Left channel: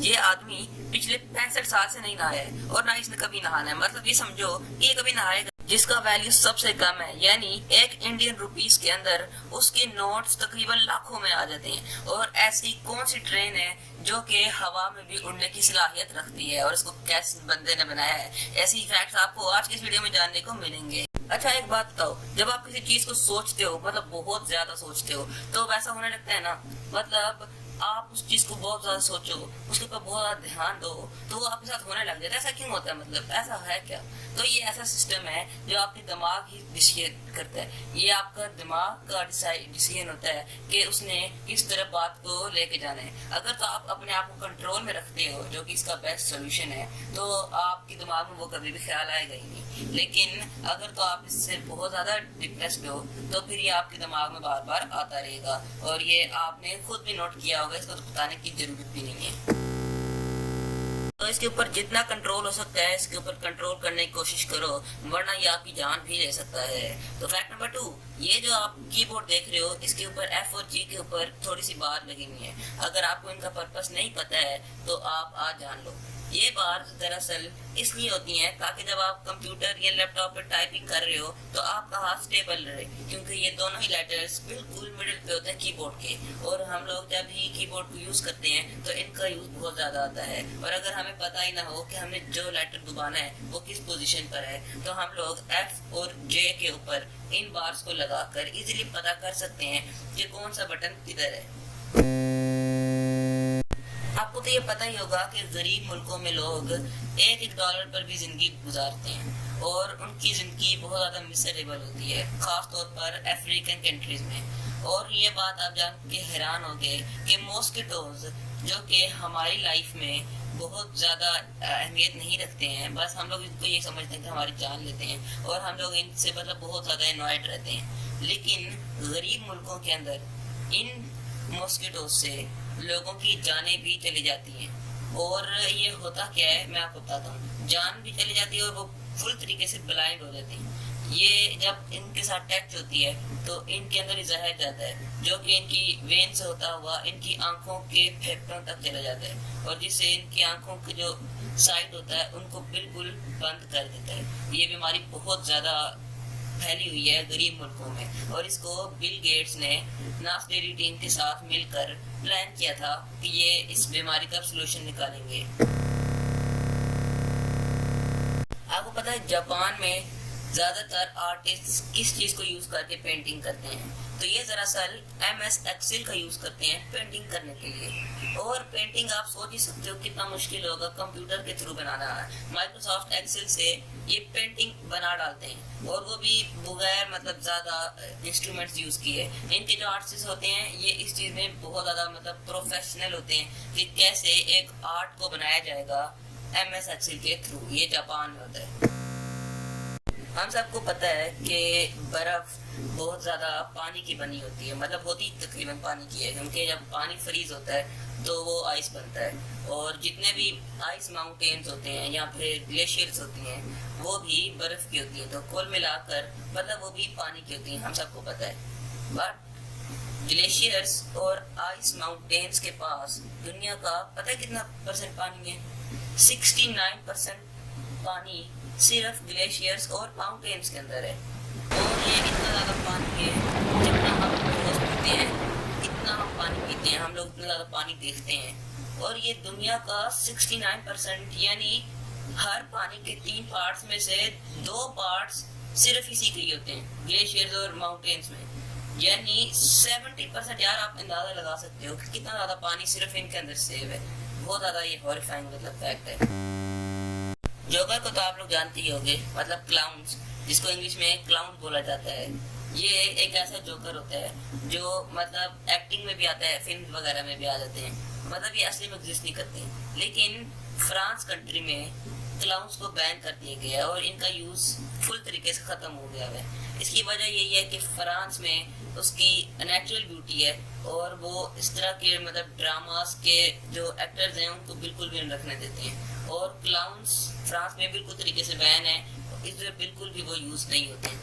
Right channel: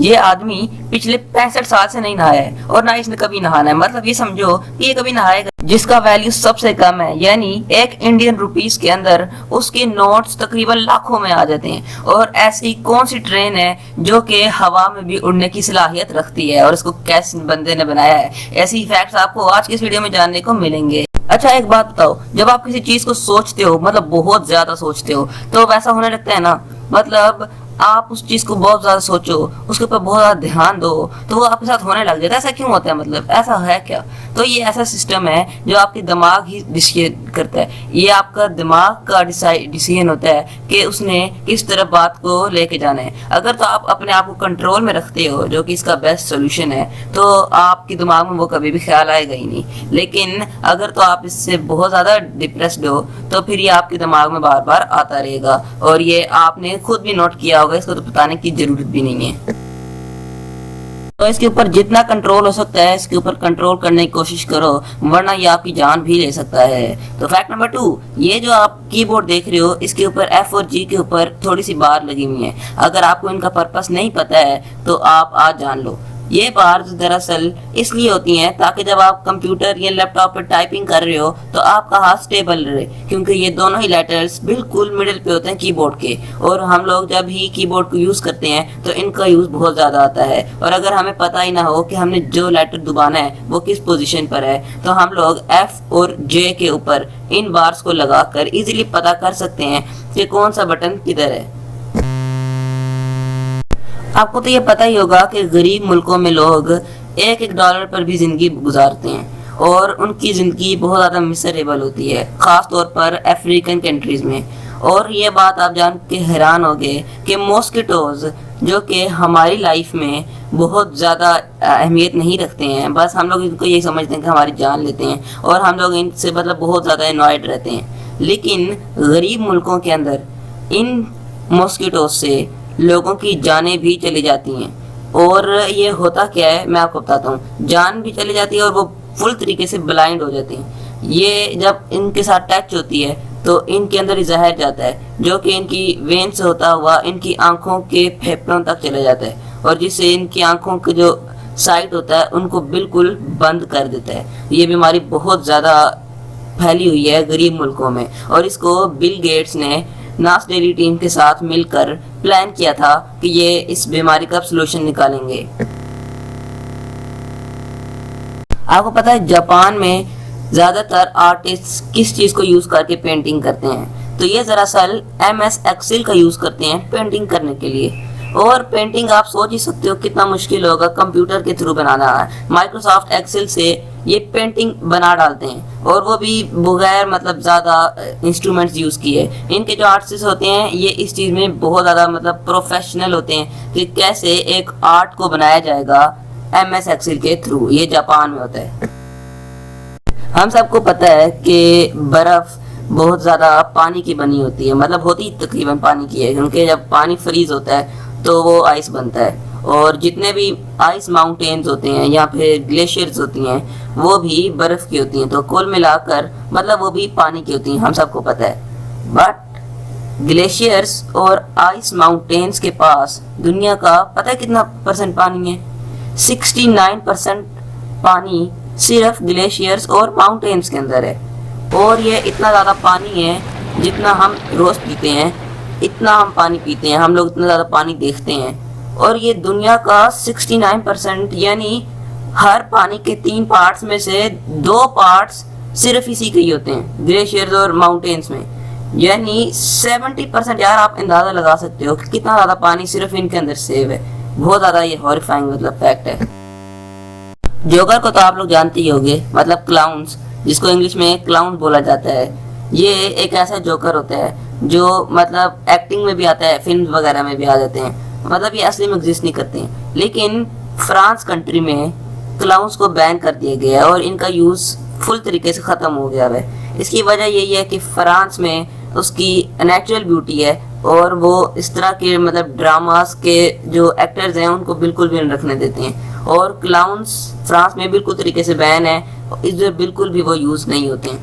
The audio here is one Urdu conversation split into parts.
یہ آدمی پچھلے 65 سال سے نہیں نہایا ہے اور نہ اس نے کبھی نہانا ہے. مطلب یہ سمجھو کہ یہ کبھی نہائے گا. جس کا ویلیو سب سے کم ہے، یعنی 1 انڈین روپیز کے اندر اس کے نوٹس تقریباً لاکھوں میں آ جاتے ہیں. اور ایسی کون سی ٹرین ہے جو کہ ہوا میں بھی اڑنے کی صلاحیت رکھتی ہے اور اس کو کس بندے نے بنایا ہے؟ ایسی فیکٹس آپ کو آج کی اس ویڈیو میں جاننے کو ملیں گے. اچھا ایک بات بتاؤ، جب آپ کسی چیز کو سوچتے ہو، مطلب بہت زیادہ سوچتے ہو، تو ویسا ہونے لگتا ہے نا. مطلب آپ اس چیز کو بہت زیادہ سوچو، اس کے اوپر بہت زیادہ دھیان دو تو وہ آپ کے ساتھ ہونے لگ جاتا ہے. ایسا کیوں ہوتا ہے؟ مطلب ایسا ہے کیا؟ تو یہ ایسا سسٹم ہے جو آپ کے دماغ ہی ڈیسیژن کرتا ہے. یہ آپ کا دماغ کا ڈیسیژن ہوتا ہے کہ اس نے کس طرح بات کو لے کے جانا ہے. اگر تو آپ اپنے آپ کو کنٹرول میں رکھتے ہو، جو کہ اس کا بیسٹ سولوشن ہے، تو آپ کے دماغ میں وہ کبھی بھی خیال آئے گا ہی نہیں. لیکن اگر تو آپ اس سے بہت زیادہ ڈپریسڈ ہو تو پھر یہ آپ کے دماغ میں بار بار آتا رہے گا. اور یہ آپ نے خود بھی نوٹ کیا ہوگا، اس کو تو بتانے کی ضرورت بھی نہیں ہے. تو اس کے اوپر جتنا کنٹرول ہو سکتا ہے اس کے اوپر کنٹرول کرنے کی کوشش کرو، ورنہ یہ آپ کی جان بھی لے سکتا ہے. تو فیکٹ نمبر 2، یہ جو آپ کی بورڈ دیکھ رہے ہو، اس کے اوپر ایف اور جی کے اوپر تھوڑی سی بار لگی ہوئی ہیں. اگر آپ کو ان کا پرپس نہیں پتا ہے تو آپ آج جان لو. یہ بارز دراصل اس لیے ہوتی ہیں تاکہ جب آپ کمپیوٹر یا لیپ ٹاپ پر ٹائپنگ کر رہے ہو تو آپ کا ہاتھ سٹیبل رہے، کیونکہ یہ دونوں ہی لیٹرز بالکل مڈل پہ ہوتے ہیں کی بورڈ کے. اور ہم لوگ جب ہی کی بورڈ کو یوز کرتے ہیں تو ان کا یوز بہت زیادہ آتا ہے. اور اگر ہمیں پتہ ہی نہ ہو کہ ہم نے جو لیٹر دبانا ہے وہ کس پوزیشن پر ہے، تو ہم لوگ ایف اور جے کے اوپر ان بارز کو لگا کر ایزیلی پتہ کر سکتے ہیں کہ کون سا بٹن کدھر ہے. آپ کو تو یہ پتہ ہی ہوگا کہ غریب ملکوں میں لوگ $1 پر بھی زندگی گزارتے ہیں اور ان کی زندگی بہت زیادہ مسریبل ہوتی ہے، خاص طور پر افریقن کنٹریز میں. اور یہ بات آپ جان کے حیران ہوگے کہ ماسکیٹوز جو کہ ہماری لائف میں بہت زیادہ اہمیت نہیں رکھتے ہیں، بس ہم لوگ ان کو یہ سمجھتے ہیں کہ ہماری جان لیتے ہیں اور ہم لوگ ان سے مطلب بہت زیادہ انوائڈ رہتے ہیں. لیکن غریب ملکوں کے اندر ان ماسکیٹوز سے لوگوں کی جانیں بھی چلی جاتی ہیں. اور یہ ہوتا کیا ہے میں آپ کو بتاتا ہوں. جان بھی چلی جاتی ہے اور وہ فل طریقے سے بلائنڈ ہو جاتی ہیں. یہ جب ان کے ساتھ ٹچ ہوتی ہے تو ان کے اندر زہر جاتا ہے جو کہ ان کی وین سے ہوتا ہوا ان کی آنکھوں کے پھیپھڑوں تک چلا جاتا ہے، اور جس سے ان کی آنکھوں کے جو سائٹ ہوتا ہے ان کو بالکل بند کر دیتا ہے. یہ بیماری بہت زیادہ پھیلی ہوئی ہے غریب ملکوں میں، اور اس کو بل گیٹس نے ناس ڈیلی ٹیم کے ساتھ مل کر پلان کیا تھا کہ یہ اس بیماری کا سلوشن نکالیں گے. آپ کو پتا ہے جاپان میں زیادہ تر آرٹسٹ کس چیز کو یوز کر کے پینٹنگ کرتے ہیں؟ تو یہ دراصل MS ایکسل کا یوز کرتے ہیں پینٹنگ کرنے کے لیے. اور پینٹنگ آپ سوچ ہی سکتے ہو کتنا مشکل ہوگا کمپیوٹر کے تھرو بنانا ہے. مائکروسافٹ ایکسل سے یہ پینٹنگ بنا ڈالتے ہیں، اور وہ بھی بغیر مطلب زیادہ انسٹرومنٹس یوز کیے. ان کے جو آرٹسٹ ہوتے ہیں یہ اس چیز میں بہت زیادہ مطلب پروفیشنل ہوتے ہیں کہ کیسے ایک آرٹ کو بنایا جائے گا MS ایکسل کے تھرو. یہ جاپان میں ہوتا ہے. ہم سب کو پتہ ہے کہ برف بہت زیادہ پانی کی بنی ہوتی ہے، مطلب ہوتی تقریباً پانی کی ہے، کیونکہ جب پانی فریز ہوتا ہے تو وہ آئس بنتا ہے. اور جتنے بھی آئس ماؤنٹینز ہوتے ہیں یا پھر گلیشیئرز ہوتی ہیں وہ بھی برف کی ہوتی ہیں. تو کل ملا کر مطلب وہ بھی پانی کی ہوتی ہیں، ہم سب کو پتہ ہے. بٹ گلیشیئرز اور آئس ماؤنٹینز کے پاس دنیا کا پتہ ہے کتنا پرسنٹ پانی ہے؟ 69% پانی صرف گلیشیئرز اور ماؤنٹینز کے اندر ہے. اور یہ اتنا زیادہ پانی ہے جتنا ہم روز پیتے ہیں، اتنا ہم پانی پیتے ہیں، ہم لوگ اتنا زیادہ پانی دیکھتے ہیں. اور یہ دنیا کا 69%، یعنی ہر پانی کے 3 پارٹس میں سے 2 پارٹس صرف اسی کے ہی ہوتے ہیں، گلیشیئرز اور ماؤنٹینز میں. یعنی 70%. یار آپ اندازہ لگا سکتے ہو کہ کتنا زیادہ پانی صرف ان کے اندر سیو ہے. بہت زیادہ یہ ہاریفائنگ مطلب فیکٹ ہے. جوکر کو تو آپ لوگ جانتے ہی ہوگے، مطلب کلاؤنز، جس کو انگلش میں کلاؤن بولا جاتا ہے. یہ ایک ایسا جوکر ہوتا ہے جو مطلب ایکٹنگ میں بھی آتا ہے، فلم وغیرہ میں بھی آ جاتے ہیں. مطلب یہ اصلی میں ایگزسٹ نہیں کرتے ہیں. لیکن فرانس کنٹری میں کلاؤنز کو بین کر دیا گیا ہے اور ان کا یوز فل طریقے سے ختم ہو گیا ہے. اس کی وجہ یہی ہے کہ فرانس میں اس کی نیچرل بیوٹی ہے اور وہ اس طرح کے مطلب ڈراماز کے جو ایکٹرز ہیں ان کو بالکل بھی نہیں رکھنے دیتے ہیں. اور کلاؤنز فرانس میں بالکل طریقے سے بین ہے، ادھر بالکل بھی وہ یوز نہیں ہوتے ہیں.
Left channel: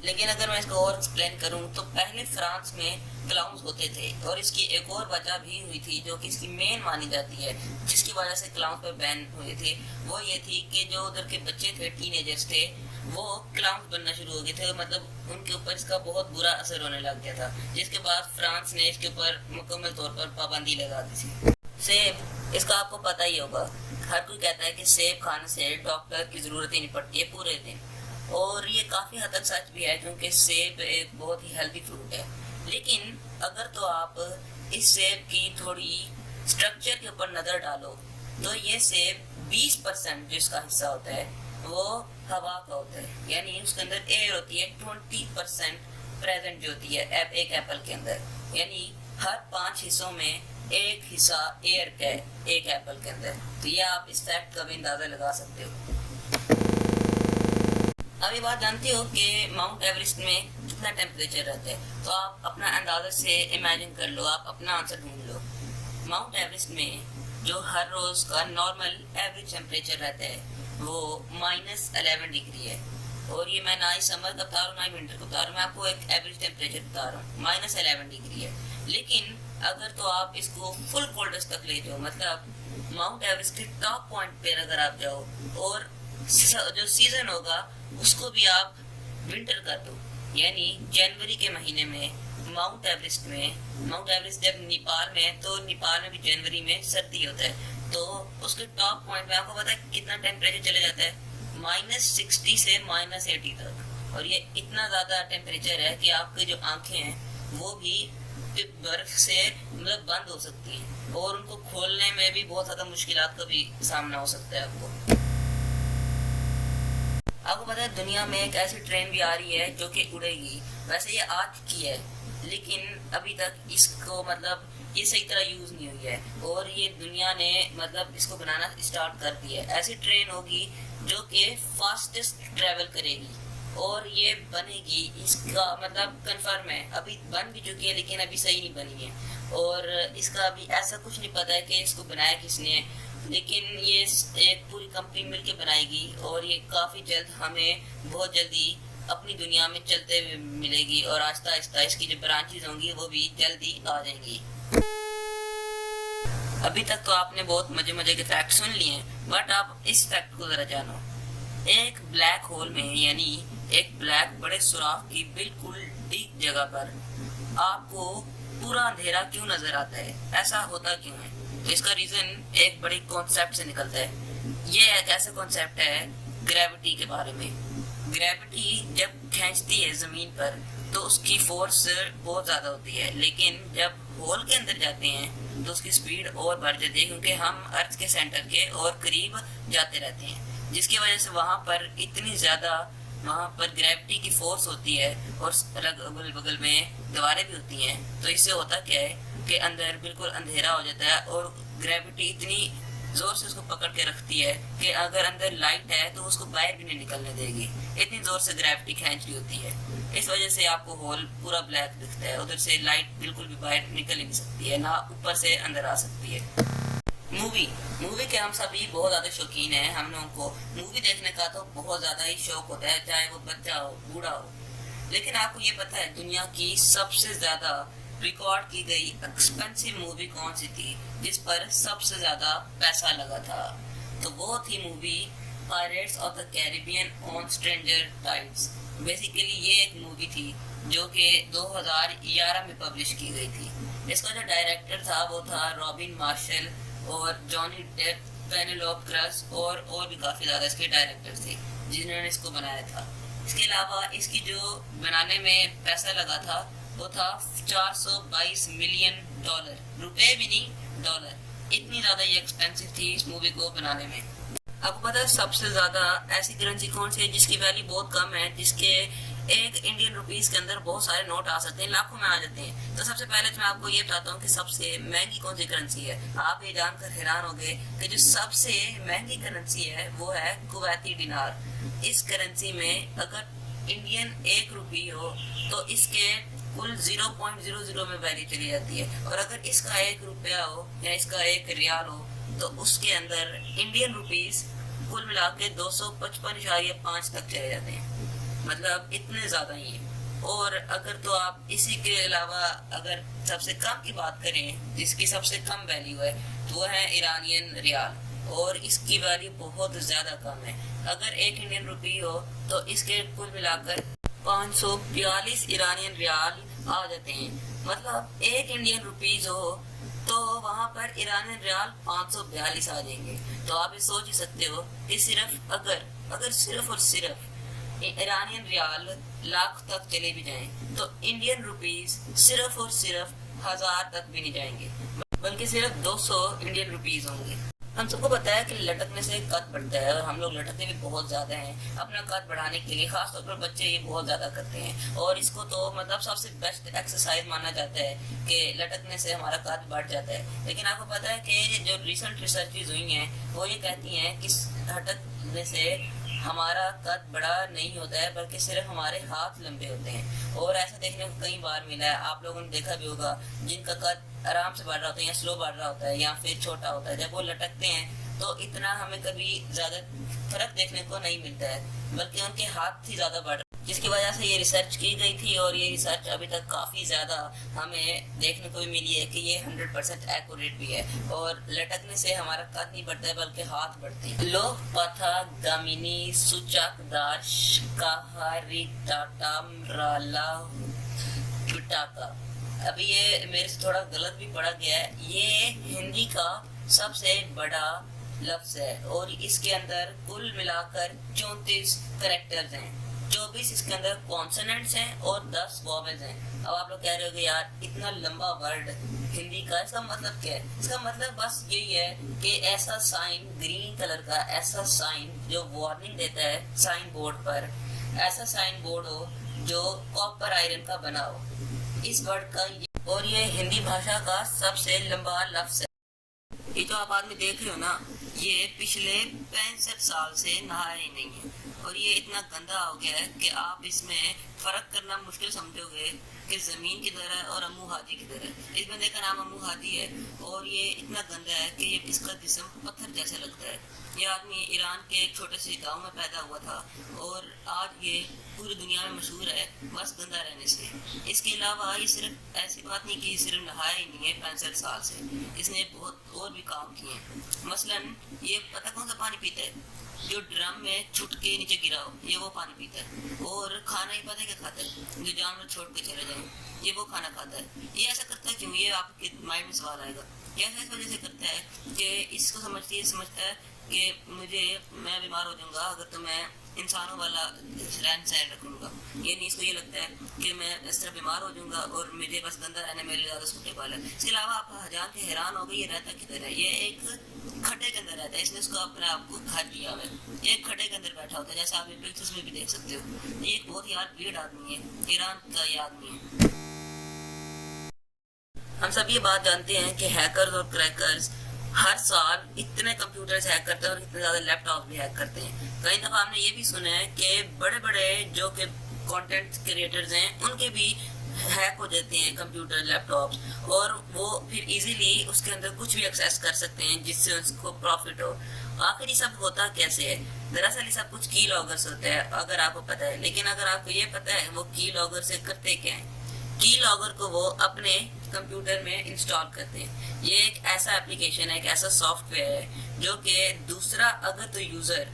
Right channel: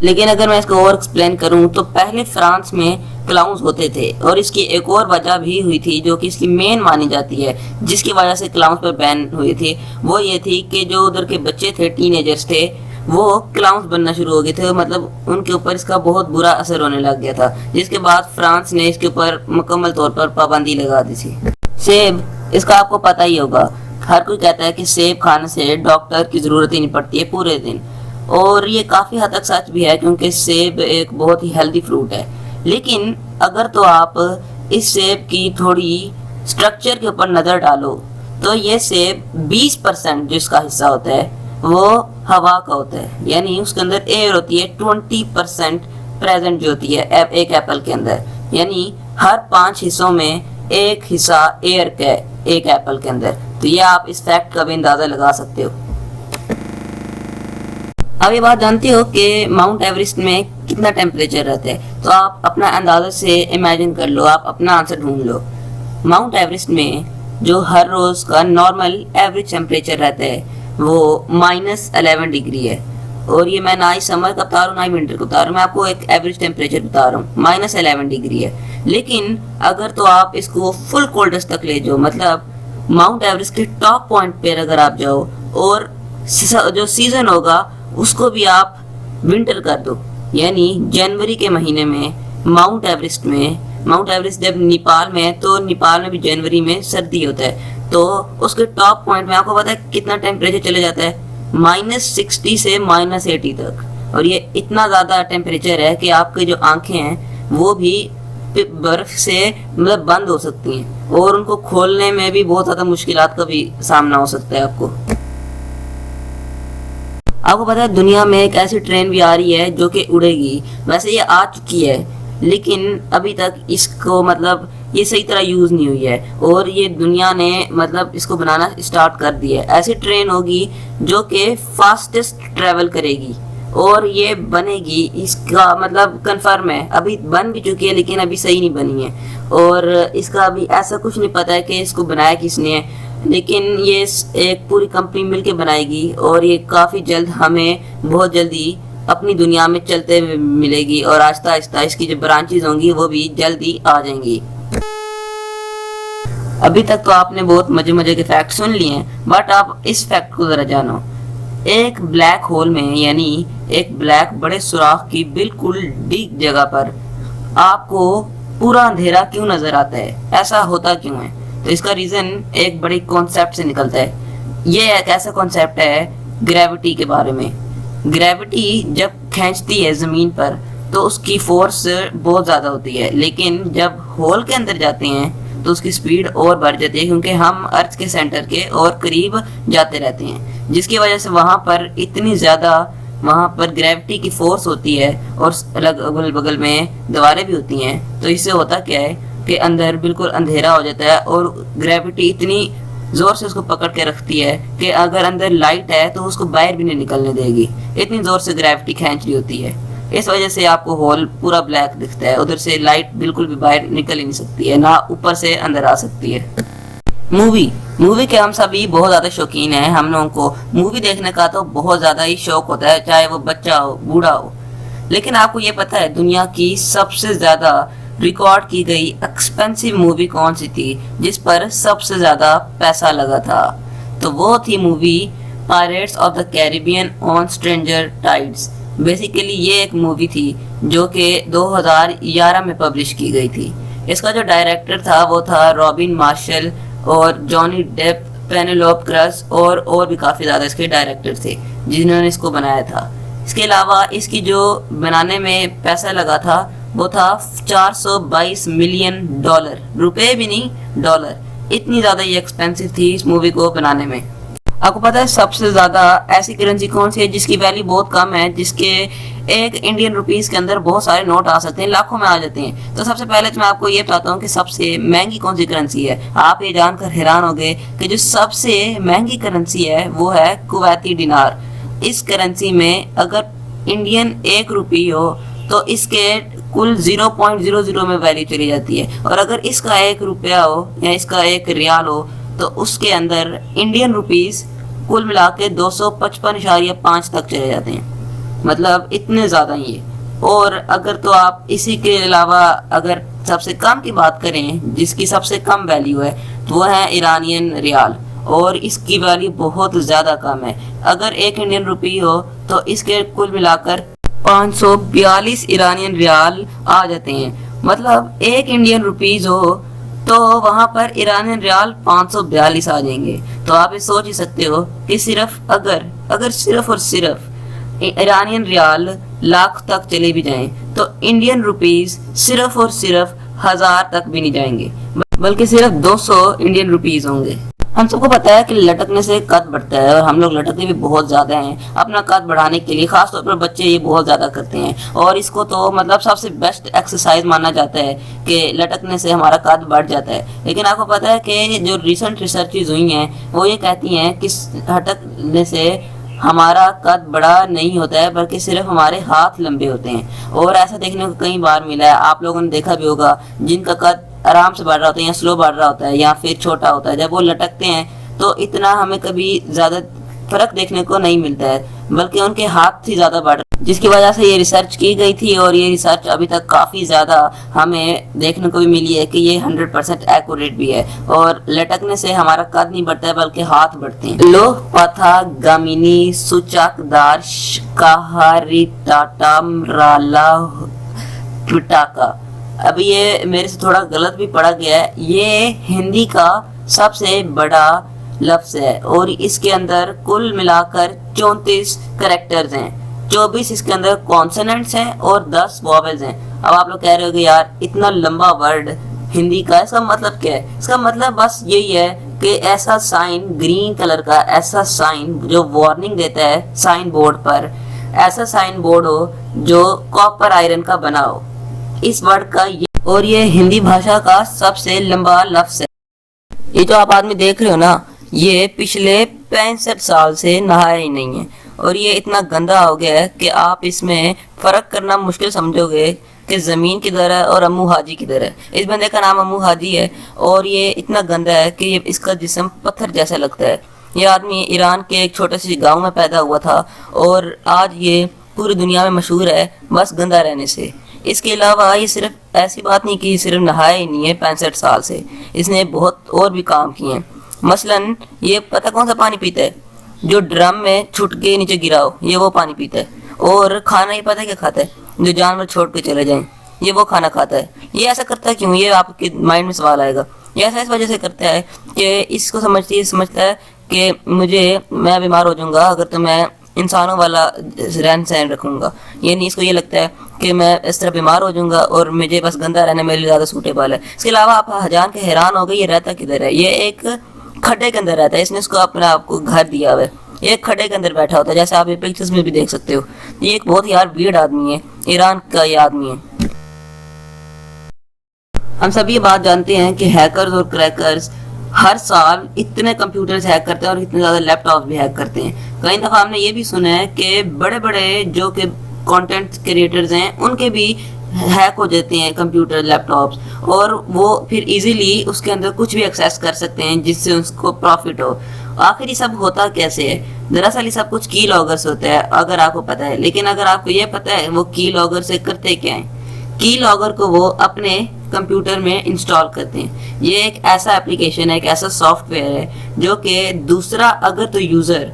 لیکن اگر میں اس کو اور ایکسپلین کروں تو پہلے فرانس میں کلاؤنز ہوتے تھے، اور اس کی ایک اور وجہ بھی ہوئی تھی جو کہ اس کی مین مانی جاتی ہے، جس کی وجہ سے کلاؤنز پر بین ہوئی تھی، وہ یہ تھی کہ جو ادھر کے بچے تھے، ٹین ایجرز تھے، وہ کلاؤنز بننا شروع ہو گئے تھے، مطلب ان کے اوپر اس کا بہت برا اثر ہونے لگ گیا تھا، جس کے بعد فرانس نے اس کے اوپر مکمل طور پر پابندی لگا دی تھی۔ سیب، اس کا آپ کو پتہ ہی ہوگا، ہر کوئی کہتا ہے کہ سیب کھانے سے ڈاکٹر کی ضرورت ہی نہیں پڑتی ہے پورے دن، اور یہ کافی حد تک سچ بھی ہے کیونکہ سیب ایک بہت ہی ہیلدی فروٹ ہے۔ لیکن اگر تو آپ اس سیب کی تھوڑی سٹرکچر کے اوپر نظر ڈالو تو یہ سیب 20% جو اس کا حصہ ہوتا ہے وہ ہوا کا ہوتا ہے، یعنی اس کے اندر ایئر ہوتی ہے 20% پریزنٹ جو ہوتی ہے ایک ایپل کے اندر، یعنی ہر 5 حصوں میں ایک حصہ ایئر کا ہے ایک ایپل کے اندر۔ تو یہ آپ اس فیکٹ کا بھی اندازہ لگا سکتے ہو۔ اب یہ بات جانتے ہو کہ ماؤنٹ ایوریسٹ میں کتنا ٹیمپریچر رہتا ہے، تو آپ اپنا اندازہ سے امیجن کر لو، آپ اپنا آنسر ڈھونڈ لو۔ ماؤنٹ ایوریسٹ میں جو ہر روز کا نارمل ایوریج ٹیمپریچر رہتا ہے وہ -11 ڈگری ہے، اور یہ میں نہ ہی سمر کا بتا رہا ہوں نہ ہی ونٹر کا بتا رہا ہوں، میں آپ کو ایک ایوریج ٹیمپریچر بتا رہا ہوں، -11 ڈگری ہے۔ لیکن اگر تو آپ اس کو فل کولڈس تک لے جاؤ، مطلب ماؤنٹ ایوریسٹ کے ٹاپ پوائنٹ پہ اگر آپ جاؤ اور جو سیزن ہوگا اس کو بھی آپ ونٹر کر دو، یعنی جنوری کے مہینے میں ماؤنٹ ایوریسٹ جب نیپال میں ہے تو نیپال میں بھی جنوری میں سردی ہوتا ہے، تو اس کے ٹاپ پوائنٹ میں آپ کو پتا ہے کتنا ٹیمپریچر چلے جاتا ہے، -60 سے -80 تک، اور یہ اتنا زیادہ ٹیمپریچر ہے کہ آپ کی جو آنکھیں ہیں وہ بھی برف سے مطلب بند ہو سکتی ہیں، اور ان کو کھولنے میں بھی بہت زیادہ مشکلات کا بھی سامنا ہو سکتا ہے آپ کو۔ آپ کو پتا ہے دنیا میں ایک ایسی ٹرین بھی آ رہی ہے جو کہ اڑے گی، ویسے یہ آ چکی ہے لیکن ابھی تک اس کو مطلب یہ صحیح طرح یوز نہیں ہوئی ہے، اور یہ دنیا نے مطلب اس کو بنانا اسٹارٹ کر دیا ہے۔ ایسی ٹرین ہوگی جو کہ فاسٹسٹ ٹریول کرے گی، اور یہ بنے گی، اس کا مطلب کنفرم ہے، ابھی بن بھی چکی ہے لیکن ابھی صحیح نہیں بنی ہے، اور اس کا ابھی ایسا کچھ نہیں پتا ہے کہ اس کو بنایا کس نے ہے، لیکن یہ ایک پوری کمپنی مل کے بنائے گی، اور یہ کافی جلد ہمیں بہت جلدی اپنی دنیا میں چلتے ہوئے ملے گی، اور آہستہ آہستہ اس کی جو برانچز ہوں گی وہ بھی جلدی آ جائیں گی۔ ابھی تک تو آپ نے بہت مزے کے فیکٹ سن لیے ہیں، بٹ آپ اس فیکٹ کو ذرا جانو۔ ایک بلیک ہول میں، یعنی ایک بلیک بڑے سوراخ کی بالکل ڈیپ جگہ پر آپ کو پورا اندھیرا کیوں نظر آتا ہے؟ ایسا ہوتا کیوں ہے؟ تو اس کا ریزن ایک بڑی کانسیپٹ سے نکلتا ہے۔ یہ ایک ایسا کانسیپٹ ہے گریوٹی کے بارے میں۔ گریوٹی جب کھینچتی ہے زمین پر تو اس کی فورس بہت زیادہ ہوتی ہے، لیکن جب ہول کے اندر جاتے ہیں تو اس کی سپیڈ اور بڑھ جاتی ہے، کیونکہ ہم ارتھ کے سینٹر کے اور قریب جاتے رہتے ہیں، جس کی وجہ سے وہاں پر اتنی زیادہ وہاں پر گریوٹی کی فورس ہوتی ہے، اور اگل بغل میں دیواریں بھی ہوتی ہیں، تو اس سے ہوتا کیا ہے کہ اندر بالکل اندھیرا ہو جاتا ہے، اور گریوٹی اتنی زور سے اس کو پکڑ کے رکھتی ہے کہ اگر اندر لائٹ ہے تو اس کو باہر بھی نہیں نکلنے دے گی، اتنی زور سے گریوٹی کھینچ رہی ہوتی ہے۔ اس وجہ سے آپ کو ہول پورا بلیک دکھتا ہے، ادھر سے لائٹ بالکل بھی باہر نکل ہی نہیں سکتی ہے، نہ اوپر سے اندر آ سکتی ہے۔ مووی کے ہم سبھی بہت زیادہ شوقین ہیں، ہم لوگوں کو مووی دیکھنے کا تو بہت زیادہ ہی شوق ہوتا ہے، چاہے وہ بچہ ہو بوڑھا ہو۔ لیکن آپ کو یہ پتہ ہے دنیا کی سب سے زیادہ ریکارڈ کی گئی ایکسپینسو مووی کون سی تھی جس پر سب سے زیادہ پیسہ لگا تھا؟ تو وہ تھی movie pirates of the Caribbean on stranger tides. Basically یہ ایک مووی تھی جو کہ 2011 میں پبلش کی گئی تھی۔ اس کا جو ڈائریکٹر تھا وہ تھا رابن مارشل، اور جانی ڈیپ، پینیلوپ کرس اور بھی کافی زیادہ اس کے ڈائریکٹر تھے جنہوں نے اس کو بنایا تھا۔ اس کے علاوہ اس کی جو بنانے میں پیسہ لگا تھا وہ تھا $422 ملین، روپے بھی نہیں ڈالر، اتنی زیادہ یہ ایکسپینسو تھی اس مووی کو بنانے میں۔ آپ کو پتا ہے سب سے زیادہ ایسی کرنسی کون سی ہے جس کی ویلیو بہت کم ہے، جس کے ایک انڈین روپیز کے اندر بہت سارے نوٹ آ سکتے ہیں، لاکھوں میں آ جاتے ہیں؟ تو سب سے پہلے تو میں آپ کو یہ بتاتا ہوں کہ سب سے مہنگی کون سی کرنسی ہے۔ آپ یہ جان کر حیران ہو گئے کہ جو سب سے مہنگی کرنسی ہے وہ ہے کویتی دینار۔ اس کرنسی میں اگر انڈین 1 روپی ہو تو اس کے کل 0.00 میں ویلیو چلی جاتی ہے، اور اگر اس کا 1 روپیہ ہو یا اس کا 1 ریال ہو تو اس کے اندر انڈین روپیز کل ملا کے 255.5 تک چلے جاتے ہیں۔ مطلب اتنے زیادہ ہی ہے۔ اور اگر تو آپ اسی کے علاوہ اگر سب سے کم کی بات کریں جس کی سب سے کم ویلیو ہے تو وہ ہے ایرانین ریال، اور اس کی ویلیو بہت زیادہ کم ہے۔ اگر 1 انڈین روپی ہو تو اس کے کل ملا کر 542 ایرانین ریال آ جاتے ہیں۔ مطلب 1 انڈین روپیز ہو تو وہاں پر ایرانین ریال 542 آ جائیں گے۔ تو آپ یہ سوچ ہی سکتے ہو کہ صرف اگر صرف اور صرف ایرانین ریال لاکھ تک چلے بھی جائیں تو انڈین روپیز صرف اور صرف 1000 تک بھی نہیں جائیں گے، بلکہ صرف 200 انڈین روپیز ہوں گے۔ ہم سب کو پتا ہے کہ لٹکنے سے قد بڑھتا ہے، اور ہم لوگ لٹکتے بھی بہت زیادہ ہیں۔ اپنا قد بڑھانے کے لیے خاص طور پر بچے یہ بہت زیادہ کرتے ہیں، اور اس کو تو مطلب سب سے بیسٹ ایکسرسائز مانا جاتا ہے کہ لٹکنے سے ہمارا قد بڑھ جاتا ہے۔ لیکن آپ کو پتا ہے کہ جو ریسنٹ ریسرچز ہوئی ہیں وہ یہ کہتی ہیں کہ لٹکنے سے ہمارا قد بڑا نہیں ہوتا ہے، بلکہ صرف ہمارے ہاتھ لمبے ہوتے ہیں۔ اور ایسا دیکھنے کو کئی بار ملا ہے، آپ لوگوں نے دیکھا بھی ہوگا جن کا قد آرام سے بڑھ رہا ہوتا ہے یا سلو بڑھ رہا ہوتا ہے یا پھر چھوٹا ہوتا ہے، جب وہ لٹکتے ہیں تو اتنا ہمیں کبھی زیادہ فرق دیکھنے کو نہیں ملتا ہے، بلکہ ان کے ہاتھ ہی زیادہ بڑھ رہے ہیں، جس کی وجہ سے یہ ریسرچ کی گئی تھی، اور یہ ریسرچ ابھی تک کافی زیادہ ہمیں دیکھنے کو بھی ملی ہے کہ یہ 100% ایکوریٹ بھی ہے، اور لٹکنے سے ہمارا قد نہیں بڑھتا ہے بلکہ ہاتھ بڑھتے ہیں۔ لوہ پتھا گامینی سوچاک دار کہاری ٹاٹا مرالا پٹاکا۔ ابھی یہ میرے سے تھوڑا غلط بھی پڑا گیا ہے، یہ ہندی کا سب سے بڑا لفظ ہے، اور اس کے اندر کل ملا کر 34 کریکٹرز ہیں، 24 اس کے اندر کانسوننٹس ہیں اور 10 واویلز ہیں۔ اب آپ لوگ کہہ رہے ہو کہ یار اتنا لمبا ورڈ ہندی کا، اس کا مطلب کیا ہے؟ اس کا مطلب بس یہی ہے کہ ایسا سائن گرین کلر کا، ایسا سائن جو وارننگ دیتا ہے سائن بورڈ پر، ایسا سائن بورڈ ہو جو کاپر آئرن کا بنا ہو، اس ورڈ کا اور یہ ہندی بھاشا کا سب سے لمبا لفظ ہے۔ یہ جو آپ آدمی دیکھ رہے ہو نا، یہ پچھلے 65 سال سے نہایا ہی نہیں ہے، اور یہ اتنا گندا ہو گیا ہے کہ آپ اس میں فرق کرنا مشکل سمجھو گے کہ زمین کدھر ہے اور امو حاجی کدھر ہے۔ اس بندے کا نام امو حاجی ہے، اور یہ اتنا گندا ہے کہ اس کا جسم پتھر جیسا لگتا ہے۔ یہ آدمی ایران کے ایک چھوٹے سے گاؤں میں پیدا ہوا تھا، اور آج یہ پوری دنیا میں مشہور ہے بس گندا رہنے سے۔ اس کے علاوہ یہ صرف ایسی بات نہیں کہ صرف نہایا ہی نہیں ہے 65 سال سے، اس نے بہت اور بھی کام کیے ہیں۔ مثلاً یہ پتہ کون سا پانی پیتا ہے؟ جو ڈرم میں چھٹ کے نیچے گرا ہو، یہ وہ پانی پیتا ہے۔ اور کھانا یہ پتہ کیا کھاتا ہے؟ جو جانور چھوڑ کے چلے جائیں، یہ وہ کھانا کھاتا ہے۔ یہ ایسا کرتا ہے کیوں؟ یہ آپ کے مائنڈ میں سوال آئے گا۔ یہ ایسا اس وجہ سے کرتا ہے کہ اس کو سمجھتا ہے کہ میں بیمار ہو جاؤں گا اگر تو میں انسانوں والا رہن سہن رکھوں گا، یعنی اس کو یہ لگتا ہے کہ میں اس طرح بیمار ہو جاؤں گا اور مجھے بس گندا رہنا میرے لیے زیادہ سوٹیبل ہے۔ اس کے علاوہ آپ جان کے حیران ہو گئے یہ رہتا کدھر ہے؟ یہ ایک کھڈے کے اندر رہتا ہے، اس نے اس کو اپنے آپ کو گھر دیا ہوا ہے، یہ ایک کھڈے کے اندر بیٹھا ہوتا ہے، جیسے آپ یہ پکچرز میں بھی دیکھ سکتے ہو۔ یہ ایک بہت یار ویئرڈ آدمی ہے، ایران کا یہ آدمی ہے۔ ہم سب یہ بات جانتے ہیں کہ ہیکرز اور کریکرز ہر سال اتنے کمپیوٹرز ہیک کرتے ہیں اور اتنے زیادہ لیپ ٹاپس بھی ہیک کرتے ہیں۔ کئی دفعہ ہم نے یہ بھی سنا ہے کہ بڑے بڑے جو کہ کانٹینٹ کریٹرز ہیں ان کے بھی ہیک ہو جاتے ہیں کمپیوٹر لیپ ٹاپس، اور وہ پھر ایزیلی اس کے اندر کچھ بھی ایکسیس کر سکتے ہیں جس سے اس کو پروفٹ ہو۔ آخر یہ سب ہوتا کیسے ہے؟ دراصل یہ سب کچھ کی لاگر سے ہوتا ہے اگر آپ کو پتہ ہے، لیکن اگر آپ کو یہ پتہ ہے وہ کی لاگر سے کرتے کیا ہیں؟ کی لاگر کو وہ اپنے کمپیوٹر میں انسٹال کرتے ہیں۔ یہ ایک ایسا اپلیکیشن ہے، ایک ایسا سافٹ ویئر ہے جو کہ دوسرا اگر تو یوزر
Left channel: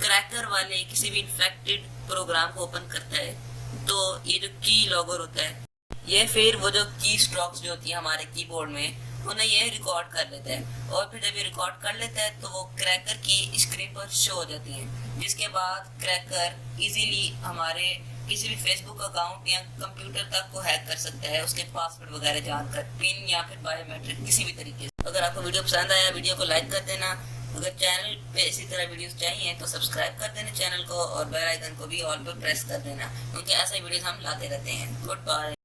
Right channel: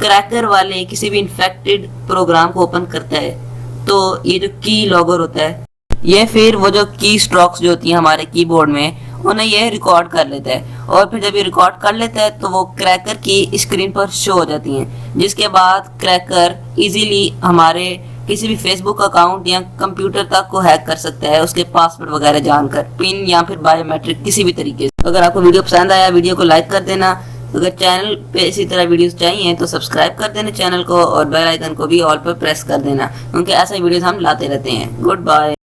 کریکر والے کسی بھی انفیکٹڈ پروگرام کو اوپن کرتا ہے تو یہ جو کی لاگر ہوتا ہے یہ پھر وہ جو کی سٹروکس جو ہوتی ہیں ہمارے کی بورڈ میں انہیں یہ ریکارڈ کر لیتا ہے، اور پھر جب یہ ریکارڈ کر لیتا ہے تو وہ کریکر کی اسکرین پر شو ہو جاتی ہیں، جس کے بعد کریکر ایزیلی ہمارے کسی بھی فیس بک اکاؤنٹ یا کمپیوٹر تک کو ہیک کر سکتا ہے، اس کے پاسورڈ وغیرہ جان کر، پن یا پھر بایو میٹرک کسی بھی طریقے سے۔ اگر آپ کو ویڈیو پسند آیا ویڈیو کو لائک کر دینا، اگر چینل پہ اسی طرح ویڈیوز چاہیے تو سبسکرائب کر دینا چینل کو، اور بیل آئیکن کو بھی آل پر پریس کر دینا، کیونکہ ایسے ویڈیوز ہم لاتے رہتے ہیں۔ Good bye.